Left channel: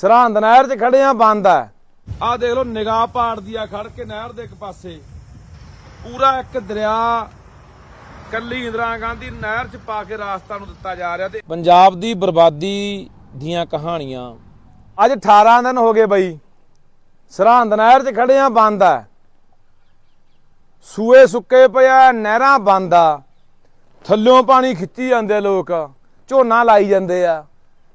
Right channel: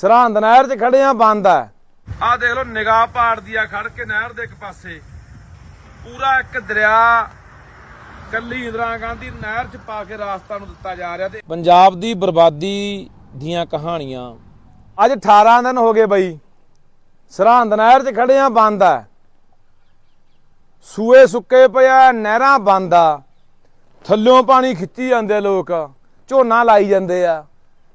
ਸਰਹੰਦ ਨਹਿਰ 'ਚ ਖੜੇ ਆ ਬੰਦ ਆ। ਆ ਦੇਖ ਲਓ ਨਿਗਾਹ ਪਾੜਦੀ ਆ ਖੜ ਕੇ ਨਹਿਰ ਦੇ ਇੱਕ ਪਾਸੇ। ਪੂਰਾ ਇੱਕ ਦਰਿਆ ਕੱਲੀ ਇੰਦਰਾ ਗਾਂਧੀ ਨਹਿਰ 'ਚ ਪਾ ਕੇ ਰਾਸਤਾ ਨੂੰ ਦਿੱਤਾ ਜਾ ਰਿਹਾ ਤੇ ਪੰਜਾਬ ਦੀ ਬਰਬਾਦੀ ਦੀਆਂ ਕਹਾਣੀਆਂ। ਅੱਜ 18 ਦਿਨ ਹੋ ਗਏ ਬਈ। ਸਰਹੰਦ ਨਹਿਰ 'ਚ ਖੜੇ ਆ ਬੰਦ ਆ। ਸੂਏ ਸੁੱਕੇ ਪਿਆ ਨਹਿਰਾਂ ਬੰਦ ਆ। ਥੱਲਿਓਂ ਪਾਣੀ ਖਿੱਚੀ ਜਾਂਦੇ ਲੋਕ। ਝੋਨਾ ਲਾਈ ਜਾਂਦੇ ਆ।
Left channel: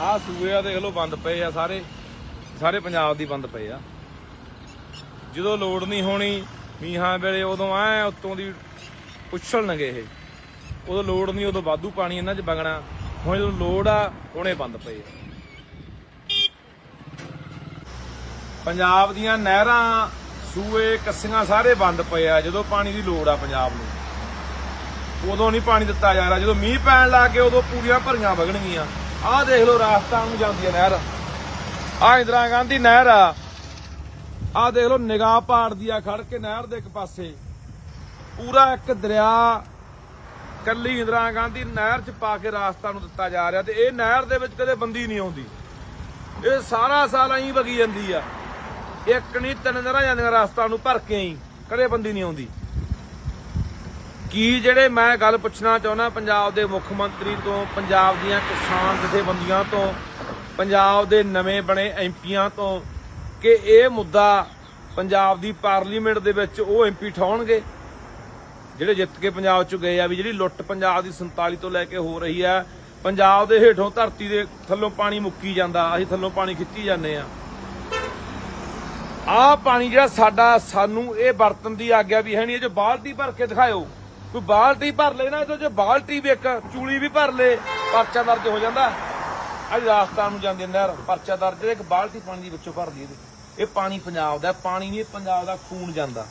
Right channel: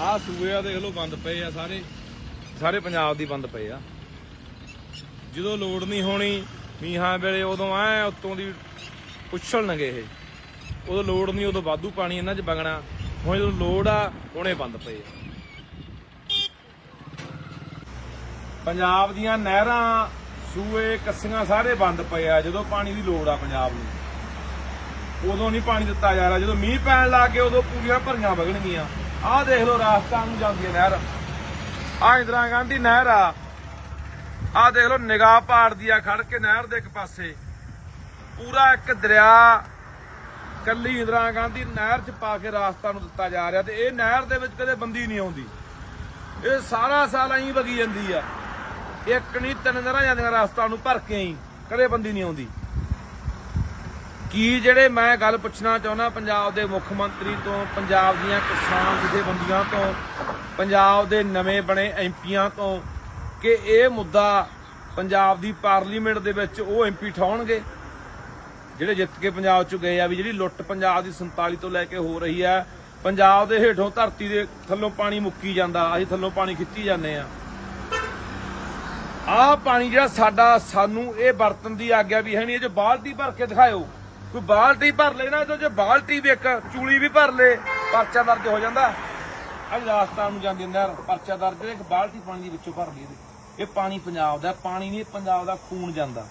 ਆਹ ਸੂਏ ਆ ਦੇਖ ਲਓ, ਬੰਦ ਪਏ ਆ ਸਾਰੇ। ਸਾਰੇ ਪੰਜਾਬ ਦੀ ਬੰਦ ਪਏ ਆ। ਜਦੋਂ ਲੋੜ ਨਹੀਂ ਹੋਣੀ, ਮੀਂਹਾਂ ਵੇਲੇ ਉਦੋਂ ਐ ਉੱਤੋਂ ਦੀ ਉਛਲਣਗੇ ਇਹ। ਉਦੋਂ ਲੋੜ ਨਹੀਂ, ਉਦੋਂ ਵਾਧੂ ਪਾਣੀ ਇਹਨਾਂ 'ਚ ਵਗਣਾ। ਹੁਣ ਜਦੋਂ ਲੋੜ ਆ, ਹੁਣੇ ਬੰਦ ਪਏ ਆ। ਪੰਜਾਬ ਦੀਆਂ ਨਹਿਰਾਂ, ਸੂਏ, ਕੱਸੀਆਂ ਸਾਰੇ ਬੰਦ ਪਏ ਆ, ਜਦੋਂ ਪਾਣੀ ਦੀ ਲੋੜ ਆ ਪੰਜਾਬ ਨੂੰ। ਉਦੋਂ ਨਹੀਂ ਪਾਣੀ ਦਿੱਤਾ ਜਾ ਰਿਹਾ। ਜਦੋਂ ਮੀਂਹ ਪੈਣ ਲੱਗ ਗਏ, ਉਦੋਂ ਪੂਰੀਆਂ ਭਰੀਆਂ ਵਗਣਗੀਆਂ। ਆਹ ਦੇਖ ਲਓ ਰਾਜਸਥਾਨ ਨੂੰ ਜਾਂਦੀ ਹੈ ਨਹਿਰ। ਆਹ ਇੰਦਰਾ ਗਾਂਧੀ ਨਹਿਰ ਆ। ਆਹ ਦੇਖ ਲਓ ਨਿਗਾਹ ਪਾੜਦੀ ਆ ਖੜ ਕੇ ਨਹਿਰ ਦੇ ਇੱਕ ਪਾਸੇ। ਪੂਰਾ ਇੱਕ ਦਰਿਆ ਕੱਲੀ ਇੰਦਰਾ ਗਾਂਧੀ ਨਹਿਰ 'ਚ ਪਾ ਕੇ ਰਾਸਤਾ ਨੂੰ ਦਿੱਤਾ ਜਾ ਰਿਹਾ ਤੇ ਇਹ ਨਹਿਰ ਦੇ ਵਿੱਚ ਕਦੇ ਬੰਦੀ ਨਹੀਂ ਆਉਂਦੀ। ਇਹ ਸਾਰਾ ਸਾਲ ਐਂ ਵਗੀ ਜਾਂਦੀ ਆ। ਇੱਕ ਨਹੀਂ, ਤਿੰਨ ਨਹਿਰਾਂ ਜਾਂਦੀਆਂ ਰਾਸਤਾ ਨੂੰ ਭਰ ਕੇ ਹੀ ਕਦੇ ਬੰਦੀ ਨਹੀਂ ਆਉਂਦੀ। ਕੀ ਜਿਹੜੇ ਮੈਂ ਗੱਲ ਪੁੱਛਣਾ ਚਾਹੁੰਦਾ ਪੰਜਾਬ ਦੇ ਮੁੱਖ ਮੰਤਰੀ ਤੋਂ, ਪੰਜਾਬ ਦੀਆਂ ਕਿਸਾਨ ਜਥੇਬੰਦੀਆਂ ਤੋਂ, ਪੰਜਾਬ ਦੇ ਨਵੇਂ ਬਣੇ ਐਮਪੀਆਂ ਤੋਂ ਕਿ ਇਹ ਮੁੱਦਾ ਪੰਜਾਬ ਦੀ ਪਾਰਲੀਮੈਂਟ ਦੇ ਵਿੱਚ ਉਹ ਐਮਪੀ ਠਾਉਣਗੇ? ਜਿਹੜੇ ਜਿੱਤ ਕੇ ਪੰਜਾਬ ਚ ਗਏ ਆ ਵੀ ਜਿਹੜੀ ਲੁੱਟ ਪੰਜਾਬ ਦੀ 47 ਤੋਂ ਲੈ ਕੇ ਹੋ ਰਹੀ ਆ, ਪੰਜਾਬ ਦੇ ਹੇਠੋਂ ਧਰਤੀ ਦੇ ਥੱਲੋਂ ਪਾਣੀ ਮੁੱਕੀ ਜਾਂਦਾ, ਅਸੀਂ ਥੱਲੋਂ ਪਾਣੀ ਖਿੱਚੀ ਜਾਂਦੇ ਆ। ਆਹ ਪਾਣੀ ਜਿਹੜਾ ਸਾਡਾ, ਸਾਨੂੰ ਇਹ ਵਰਤਨ ਦੀ ਆਗਿਆ ਵੀ ਹੈ ਨਹੀਂ, ਇਹ ਜੋ ਬਾਲਟੀ ਭਰ ਕੇ ਦਿਖਾਇਓ। ਕੋਈ ਬਾਲਟੀ ਭਰ ਲੈ ਨਾ, ਇਹਦੇ ਜੇ ਬਾਲਟੀ ਵੀ ਇੱਕ, ਚੂਲੀ ਵੀ ਭਰ ਲੈ, ਪਰਚਾ ਦਰਜ ਹੋ ਜਾਂਦਾ। ਅੱਜ ਰਾਜਸਥਾਨ ਨੂੰ ਜਾਂਦੇ ਨਹਿਰ, ਪਰਚਾ ਦਰਜ ਇੱਕ ਬਾਲਟੀ ਪਾਣੀ ਦੀ ਵਿੱਚੋਂ ਭਰਦੀ ਇਹਦੇ ਇਹ ਪਾਣੀ ਪੰਜਾਬ ਦਾ ਪਾਣੀ ਨਹੀਂ, ਪੰਜਾਬ ਦਾ ਖੂਨ ਜਾਂਦਾ।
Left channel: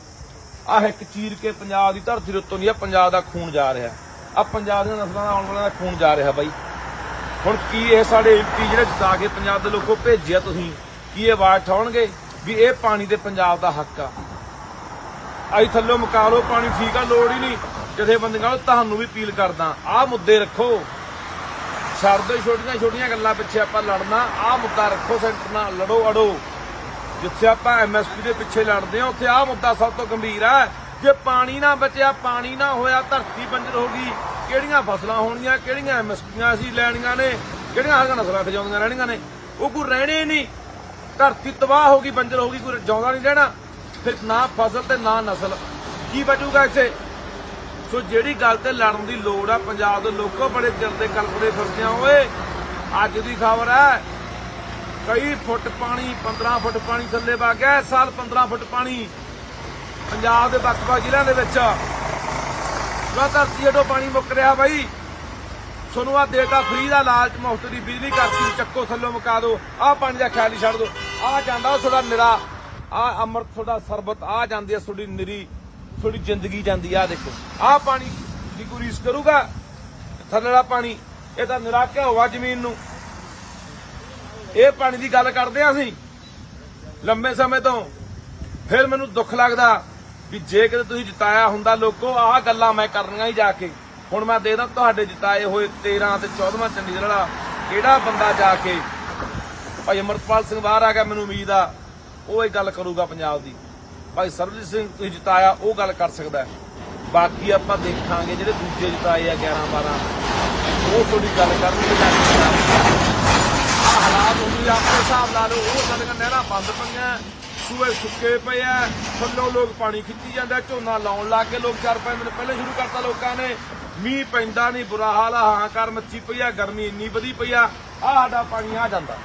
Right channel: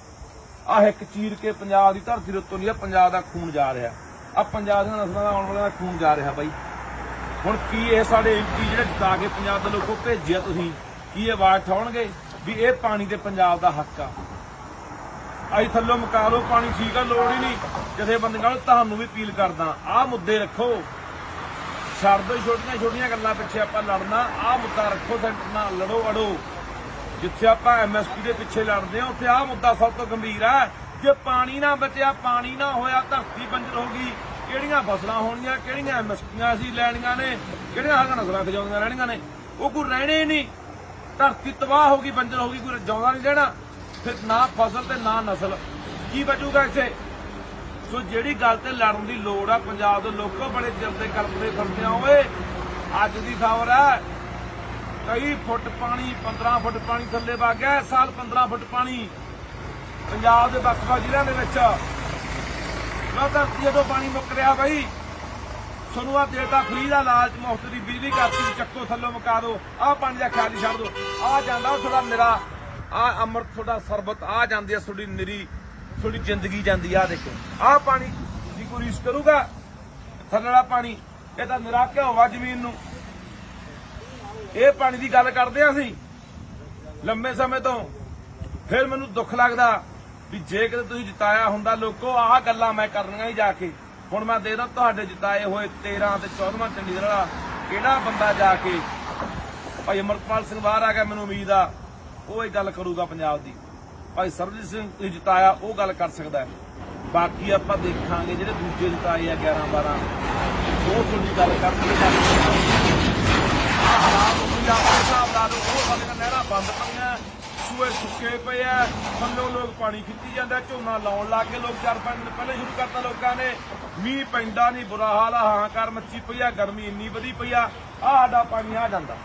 ਆਹ ਇੱਕ ਚੀਰ ਕੇ ਪੰਜਾਬ ਦੀ ਧਰਤੀ ਦੇ ਉੱਤੋਂ ਦੀ ਆ ਪੰਜਾਬ ਦਾ ਖੂਨ ਜਾ ਰਿਹਾ। ਆ ਪੰਜਾਬ ਦੀਆਂ ਨਸਲਾਂ ਦਾ ਆਉਣ ਵਾਲਾ ਦਾ ਖੂਨ ਜਾ ਰਿਹਾ ਬਾਈ। ਹੁਣ ਕੀ ਇਹ ਸਾਡੇ ਐਮਪੀ ਜਿਹੜੇ ਜਿਤਾ ਕੇ ਪੰਜਾਬ ਦੇ ਲੋਕੋ ਭੇਜਿਆ ਤੁਸੀਂ? ਕੀ ਇਹ ਆਵਾਜ਼ ਠਾਉਣਗੇ ਵੀ ਇਹ ਪਾਣੀ ਤੇ ਪੰਜਾਬ ਦਾ ਹੱਕ ਆ? ਆਈ ਥੱਲੋਂ ਮੁਕਾ ਲਓ ਪਾਣੀ ਠੀਕ ਆ, ਲੋੜ ਹੀ ਨਹੀਂ। ਜਥੇਬੰਦੀਆਂ ਨੂੰ ਤੁਹਾਨੂੰ ਵੀ ਅਪੀਲ ਕਰਦਾ, ਆਹ ਮੁੱਦੇ ਰੱਖੋ। ਛੱਡ ਦਿਓ ਛੋਟੀਆਂ ਛੋਟੀਆਂ ਗੱਲਾਂ ਪਿੱਛੇ ਆਪਾਂ ਲੜਨਾ, ਆਹ ਮੁੱਦਾ ਰੱਖੋ ਸੈਂਟਰ ਨਾਲ, ਲੜੋ, ਅੜੋ। ਜਿੱਥੇ ਆਪਾਂ ਐਮਐਸਪੀ ਦੇ ਪਿੱਛੇ ਲੜਦੇ ਹਾਂ, ਉੱਥੇ ਆਹ ਮੁੱਦਾ ਸਭ ਤੋਂ ਗੰਭੀਰ ਹੈ। ਜੇ ਪਾਣੀ ਨਾ ਬਚਿਆ, ਪਾਣੀ ਨਾ ਹੋਇਆ, ਧਰਤੀ ਬੰਜਰ ਹੋ ਗਈ, ਕਿਹੜੀਆਂ ਫਸਲਾਂ ਹੋਣੀਆਂ, ਕਿਹੜੀਆਂ ਐਮਐਸਪੀਆਂ ਅਸੀਂ ਲੈਣੀਆਂ ਨੇ, ਕਿਹੜੀਆਂ ਹਰੀਆਂ ਨਸਲਾਂ ਤੇ ਜਾਉਂਦੀਆਂ ਰਹਿਣੀਆਂ ਨੇ, ਉਹ ਕੋਈ ਰਹਿਣੇ ਨਹੀਂ। ਧਰਤੀ ਤਬਾਹ ਹੋ ਗਈ, ਬੰਜਰ ਹੋ ਗਈ, ਕੋਈ ਜਾਉਂਦਾ ਨਹੀਂ ਰਹਿਣਾ। ਫਿਰ ਨਾ ਫਸਲ ਤੇ ਨਾ ਨਸਲ। ਕੀ ਬਚੂਗਾ ਇੱਥੇ? ਸੋ ਜਿਹੜੀ ਗੱਲ ਤੇ ਲੜਨ ਦੀ ਲੋੜ ਆ, ਪੰਜਾਬ ਦੇ ਲੋਕੋ ਬੜੇ ਚਿਰ ਦੇ ਕਲਪਦੇ ਫਿਰਦੇ ਆ ਓਏ, ਅੱਜ ਦੀ ਖਬਰ ਹੈ, ਕਈ ਫੁੱਟ ਪਾਣੀ 15 ਫੁੱਟ ਪਾਣੀ ਥੱਲੇ ਵਗ ਗਿਆ, ਇਸ ਸਾਲ 15 ਫੁੱਟ ਪਾਣੀ ਪੰਜਾਬ ਦੇ ਵੱਖ-ਵੱਖ ਜ਼ਿਲ੍ਹਿਆਂ ਦੇ ਵਿੱਚ। ਵਾ ਧਰਤੀ ਹੇਠੋਂ ਪਾਣੀ ਮੁੱਕ ਰਿਹਾ ਬਾਈ। ਤੁਹਾਨੂੰ ਆ ਦੇਤਾ ਫ੍ਰੀ ਦਾ ਲਾਲਚ ਮੁਫਤ ਦੀ ਬਿਜਲੀ ਕਰਤੀ ਚੱਕੋ ਥੱਲੋਂ ਮੁਕਾ ਦਿਓ। ਆਹ ਪਾਣੀ ਦਾ ਖਿਆਲ ਛੱਡ ਦਿਓ। ਆਹ ਜਾਂਦਾ ਉਹ ਤੁਹਾਡਾ ਨਿਰਾ, ਆਹ ਅੰਮ੍ਰਿਤ ਤੁਹਾਡਾ ਸਰਬਤ ਆ ਜਾਂਦੀ ਹੈ ਤੁਹਾਡੀ ਨਿਰੀ। ਤੁਹਾਡੀ ਜ਼ਿੰਦਗੀ ਜਾਂਦੀ ਆ ਦੇਖੋ। ਆਹ ਪਾਣੀ ਦੀ ਕੋਈ ਰੀਸ ਕਰੂਗਾ, ਥੱਲੇ ਵਾਲਾ ਪਾਣੀ, ਇਹ ਤਾਂ ਨਿਰਾ ਕਿਆ ਜ਼ਮੀਨ ਨੂੰ। ਇਹ ਪਾਣੀ ਦੀ ਗੱਲ ਕਰਦੇ ਆ ਅਸੀਂ, ਲੰਬੇ ਸਮੇਂ ਤੋਂ। ਫਿਰ ਮੈਨੂੰ ਦੁੱਖ ਲੱਗਦਾ ਵੀ ਜੇ ਕਿਤੇ ਤੁਸੀਂ ਜਿਤਾਇਆ ਹੁੰਦਾ ਲੋਕੋ, ਆਹ ਗੱਲਾਂ ਮੈਂ ਕਰਨੀਆਂ ਹੀ ਜਾ ਕੇ। ਹੁਣ ਮੈਂ ਦੇਖਦਾ ਤੁਹਾਡੇ ਜਿਤਾਏ ਹੋਏ 13 ਤੇ 14ਵਾਂ ਚੰਡੀਗੜ੍ਹ ਵਾਲਾ ਕਿਹੜਾ ਬੰਦਾ ਜਾ ਕੇ? ਭਾਈ ਅਮਰਪਾਲ ਸਿੰਘ ਬਾਹਰ ਆ ਗਿਆ, ਮੈਨੂੰ ਉਮੀਦ ਆ, ਉਹ ਇਹ ਗੱਲ ਕਰੂਗਾ ਪੰਜਾਬ ਦੀ। ਭਾਈ ਸਰਬਜੀਤ ਸਿੰਘ ਤੁਸੀਂ ਜਿਤਾਇਆ, ਉਹ ਗੱਲ ਕਰ ਸਕਦਾ ਬਾਕੀ ਆਪਾਂ ਦੇਖਾਂਗੇ ਜਿਹੜੇ ਦੂਜੇ ਜਿਤਾਏ ਆ 11 12 ਉਹ ਤੁਹਾਡੀ ਗੱਲ ਕਰਨਗੇ ਜਾ ਹਾਲਾਤ ਹੋ ਗਏ, ਆਪਣੇ ਹਿਸਾਬ ਲਾ ਲਓ, ਉਹ ਸਾਡੀਆਂ ਨਹਿਰਾਂ ਬੰਦ ਪਈਆਂ, ਸੂਏ ਸੁੱਕੇ ਪਏ ਆ, ਥੱਲੋਂ ਲੋਕ ਪਾਣੀ ਖਿੱਚੀ ਜਾਂਦਾ, ਝੋਨਾ ਲਾਉਣ ਲੱਗ ਗਏ, ਲੋਕ ਚਾਰ ਪੰਜ ਦਿਨ ਪਹਿਲੇ ਸ਼ੁਰੂ ਕਰਤਾ ਲੋਕਾਂ ਨੇ। ਮੀਂਹ ਪੈਂਦਾ ਨਹੀਂ, ਬੁਰਾ ਹਾਲ ਆ, ਹਾਂ ਕਰ ਮੱਚੀ ਪਈ ਆ, ਗਰਮੀ ਇੰਨੀ ਵਧੀ ਪਈ ਆ ਆ ਸਾਡਾ ਪਾਣੀ ਆ ਜਾਂਦਾ।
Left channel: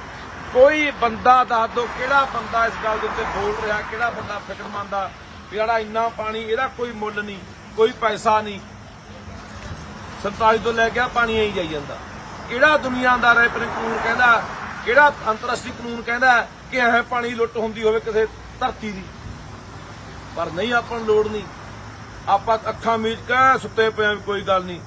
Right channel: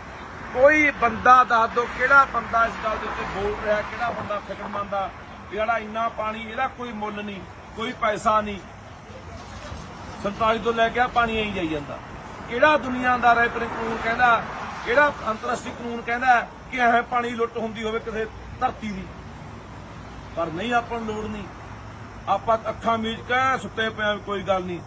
ਕੋਈ ਬੰਦਾ ਦੱਸ ਦੋ ਕਿਹੜਾ ਬੰਦਾ ਇਸ ਗੱਲ ਦੇ ਉੱਤੇ ਬੋਲ ਰਿਹਾ, ਕਿਹੜਾ ਬੰਦਾ ਫਿਕਰਮੰਦ ਆ ਜਿਹੜਾ ਇੰਨਾ ਪਾਣੀ, ਇਹਦਾ ਕੋਈ ਮੁੱਲ ਨਹੀਂ, ਕੋਈ ਪੈਸਾ ਨਹੀਂ। 47 ਤੋਂ ਲੈ ਕੇ ਆ ਪਾਣੀ ਆਈ ਜਾਈ ਜਾਂਦਾ। ਕਿਹੜਾ ਦੁਨੀਆਦਾਰ ਹੈ ਪਰ ਕਾਨੂੰਨ ਕਹਿੰਦਾ, ਕਿਹੜਾ ਅੰਤਰਰਾਸ਼ਟਰੀ ਕਾਨੂੰਨ ਕਹਿੰਦਾ ਕਿ ਐ ਪਾਣੀ ਲੁੱਟ ਹੁੰਦੀ ਹੋਵੇ ਕਿਸੇ ਧਰਤੀ ਦੀ। ਪਰ ਨਹੀਂ, ਆਪਾਂ ਨੂੰ ਲੋੜ ਨਹੀਂ। ਆਪਾਂ ਅੱਖਾਂ ਮੀਚ ਕੇ ਸੁੱਤੇ ਪਏ ਕੋਈ ਗੱਲ ਨਹੀਂ।